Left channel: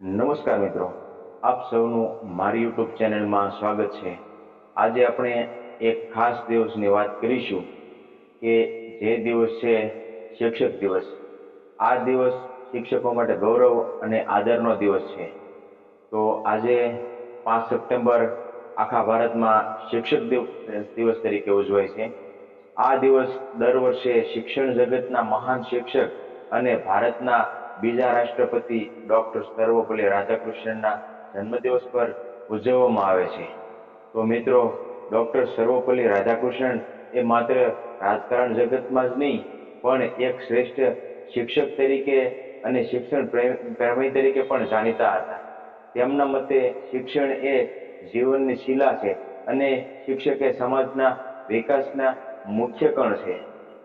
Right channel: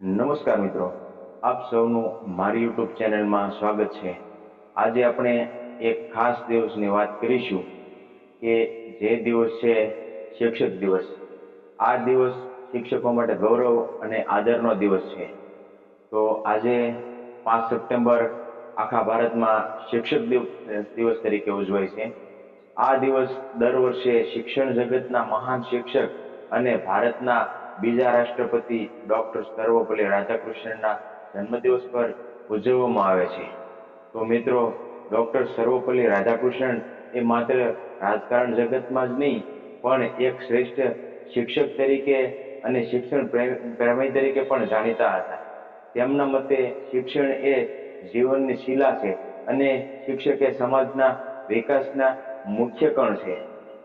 નમસ્કાર મિત્રો, આપ સૌનું મારી યુટ્યુબ ચેનલમાં સ્વાગત છે। આજે આપણે એક ખાસ દિવસની વાત કરીશું કે જે દિવસ છે શિક્ષક દિવસ। આ દિવસ શિક્ષકો માટે ગૌરવ અને આદરનો દિવસ છે। તો આજે 5 સપ્ટેમ્બર આખા ભારતમાં શિક્ષક દિવસ તરીકે ઉજવાય છે। આ દિવસ દર વર્ષે શિક્ષણ જગતના મહાન શિક્ષક અને ભારતના બીજા રાષ્ટ્રપતિ ડોક્ટર સર્વપલ્લી રાધાકૃષ્ણનના જન્મદિવસ પર ઉજવવામાં આવે છે। તો મિત્રો, ડોક્ટર સર્વપલ્લી રાધાકૃષ્ણન એ માત્ર રાજકારણ જગતમાં જ નહીં પણ એક શ્રેષ્ઠ શિક્ષક તરીકે અને શિક્ષણ પ્રેમી તરીકે પણ જાણીતા હતા। તેમના મતે શિક્ષણ એ જીવનની શિલા છે અને શિક્ષક એ સમાજના વિકાસના મુખ્ય કણ છે।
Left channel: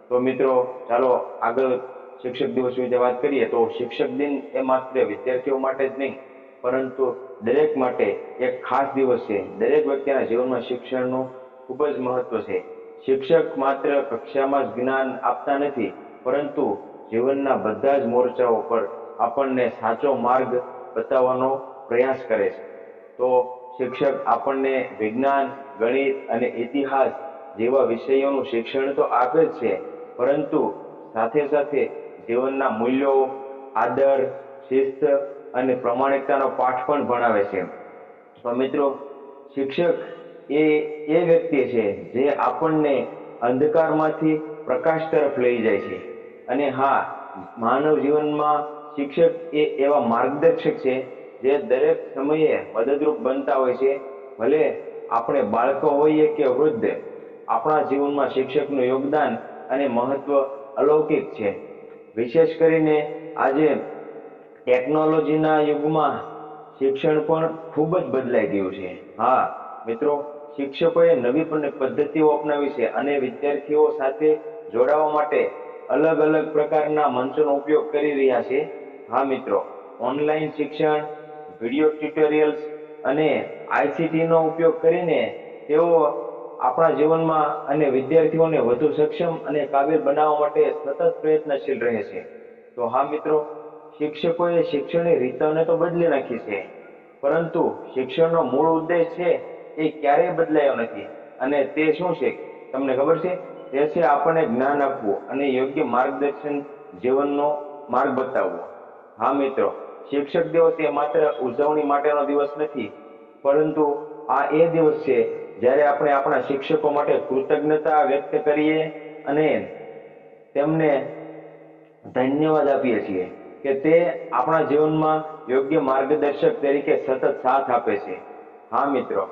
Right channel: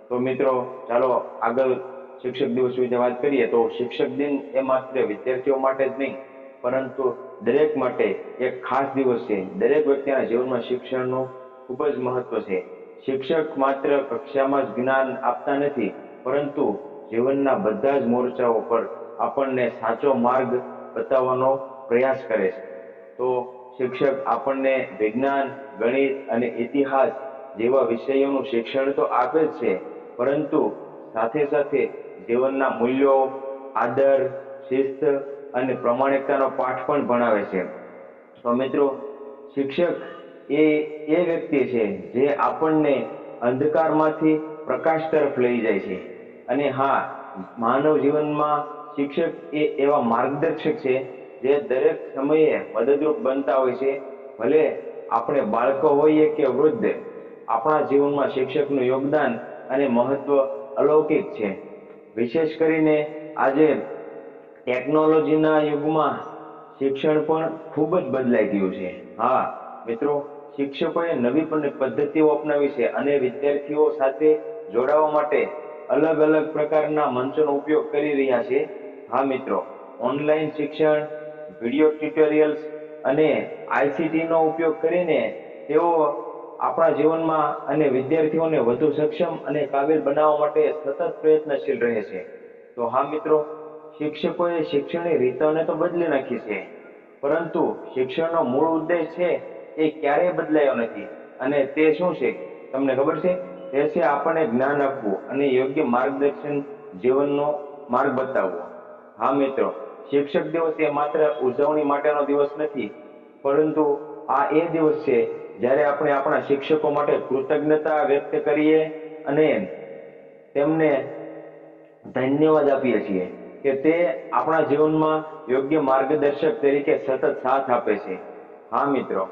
તો મિત્રો, ચાલો આગળ શિક્ષક દિવસ વિશે વાત કરીએ। તો શિક્ષક દિન એ માત્ર વિદ્યાર્થીઓ માટે જ નહીં પરંતુ દરેક માટે એક ખાસ દિવસ છે। દરેક વ્યક્તિના જીવનમાં શિક્ષણનું ખૂબ જ મહત્વ છે। શિક્ષક માત્ર કક્ષામાં જ જ્ઞાન આપતા નથી પરંતુ જીવનના બધા જ મોરચાઓ પર આપણને સાચો માર્ગ બતાવવાનો પ્રયાસ કરે છે। તો શિક્ષક આપણને વિજ્ઞાન, ગણિત અને ઇતિહાસ જેવા વિષયોનું શિક્ષણ તો આપે જ છે પરંતુ સાથે સાથે જીવનના મૂલ્યો, આદર, શિસ્ત અને પ્રામાણિકતાનો પાઠ પણ ભણાવે છે। તો મિત્રો, શિક્ષક એ વ્યક્તિ છે જે આપણને અંધકારમાંથી પ્રકાશ તરફ લઈ જાય છે। અને હા, માનવ જીવનમાં શિક્ષક એ એવા માર્ગદર્શક છે જે દરેક સમયે મદદરૂપ બનતા હોય છે। ભલે આપણે બાળકો હોઈએ કે વૃદ્ધ, આપણા જીવનમાં શિક્ષકનું યોગદાન અને મહત્વ અલૌકિક છે। વિશેષ કરીને આજે ટેકનોલોજીના યુગમાં શિક્ષણ પણ ખૂબ જ બદલાઈ ગયું છે। હા મિત્રો, શિક્ષકોએ નવી પદ્ધતિઓ અપનાવી છે અને વિદ્યાર્થીઓ સાથે જોડાવા માટે અલગ અલગ પ્રકારના મંચોનો ઉપયોગ કરી રહ્યા છે। હા મિત્રો, ઓનલાઈન શિક્ષણ, વિડીયો ટ્યુટોરિયલ્સ અને આઈસીટીનો ઉપયોગ કરીને તેઓ આપણા જીવનમાં અને વિદ્યાર્થીઓને વધુ સક્ષમ અને કાબિલ બનાવવા માટે સતત પ્રયત્નશીલ રહે છે। તો હા મિત્રો, શિક્ષકોએ શિક્ષણની રીતોને તો બદલી નાખી છે પરંતુ શિક્ષણનો મૂળ ઉદ્દેશ છે એ ક્યારેય બદલાયો નથી। અને તે શું છે તમને ખબર છે? તે છે આપણને જ્ઞાન આપવું અને યોગ્ય માર્ગદર્શન, જીવનનો માર્ગ બતાવવો। હા મિત્રો, શિક્ષક દિવસ એ માત્ર ઉજવણી માટેનો દિવસ નથી પરંતુ આ એ દિવસ છે જ્યારે આપણે આપણા શિક્ષકો માટે કૃતજ્ઞતા વ્યક્ત કરીએ અને તેમને ધન્યવાદ આપીએ છીએ કે તે આપણા જીવનમાં યોગ્ય માર્ગદર્શક તરીકે સતત સાથ આપે છે। હા મિત્રો,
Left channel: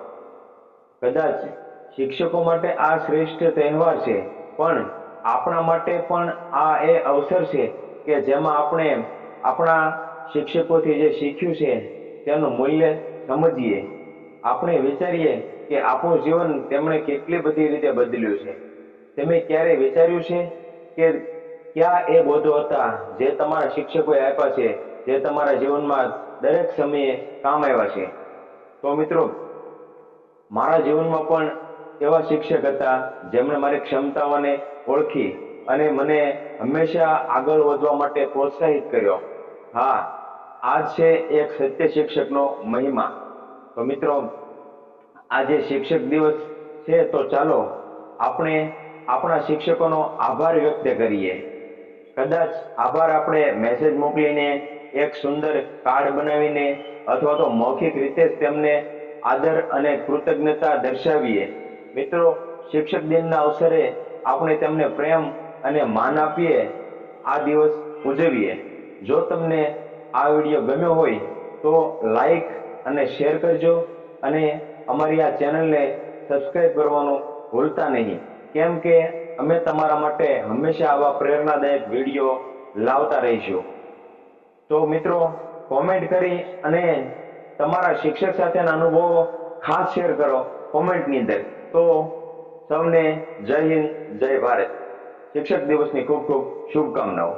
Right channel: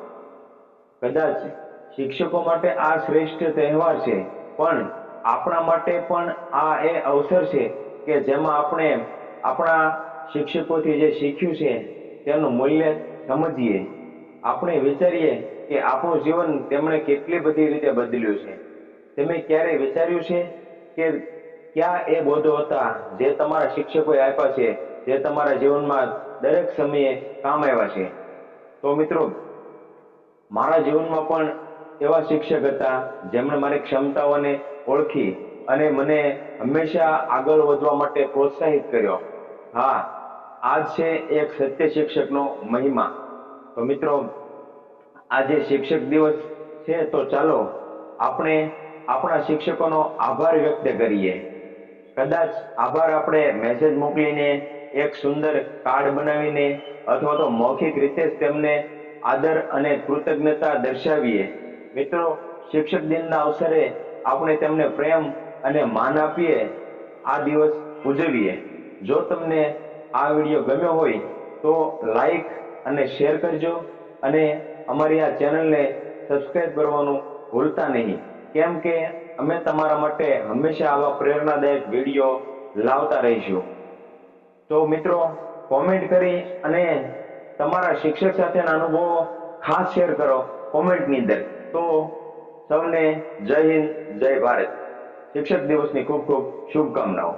કદાચ શિક્ષકો માટે આ શ્રેષ્ઠ તહેવાર છે પણ આપણા માટે પણ આ એ અવસર છે કે જેમાં આપણે આપણા શિક્ષકોથી જે શીખ્યું છે તેનું મૂલ્ય સમજીએ। આપણે વિચારીએ કે આપણું જીવન તેમણે કેટલી બધી રીતે બદલ્યું છે। તમે ક્યારે વિચાર્યું છે કે ક્યાં એ બોધો હતા જે તમારા શિક્ષકોએ આપ્યા છે, જે તમારા જીવનમાં દરેક સમયે કામ આવ્યા છે? તો મિત્રો, મારા જીવનમાં પણ એવા શિક્ષક હતા જેમણે મારી ક્ષમતાઓને ઓળખી અને મને હંમેશા આગળ વધવા માટે પ્રોત્સાહિત કર્યો। હા, આ જ છે એક સત્ય શિક્ષકનો મહિમા। તો મિત્રો, આજે શિક્ષક દિવસ છે તો ચાલો આપણે આપણા શિક્ષકોનો આભાર વ્યક્ત કરીએ। કદાચ આભાર આપણે મેસેજ મોકલીને, એક સુંદર કાર્ડ બનાવીને અથવા તો મૌખિક રીતે જ તેમને આદર અને કૃતજ્ઞતા દર્શાવીએ। મિત્રો, શિક્ષક દિનના અવસરે આપણે તેમને પ્રેમ અને માન આપીએ, આ દિવસ ઉજવીએ। જો તમને આ વિડીયો ગમ્યો હોય તો લાઈક અને શેર કરજો અને અમારી આ ચેનલને સબસ્ક્રાઇબ કરવાનું ભૂલતા નહીં, કેમ કે અમે તમારા માટે હંમેશા આવા પ્રેરણાદાયક વિડીયો લાવતા રહીશું। તો મિત્રો, કોમેન્ટ કરી અને તમારા શિક્ષક સાથેના અનુભવો ખાસ શેર કરો કોમેન્ટની અંદર। તો સૌને જય હિન્દ, જય ભારત। શિક્ષક દિવસની ખૂબ ખૂબ શુભકામનાઓ।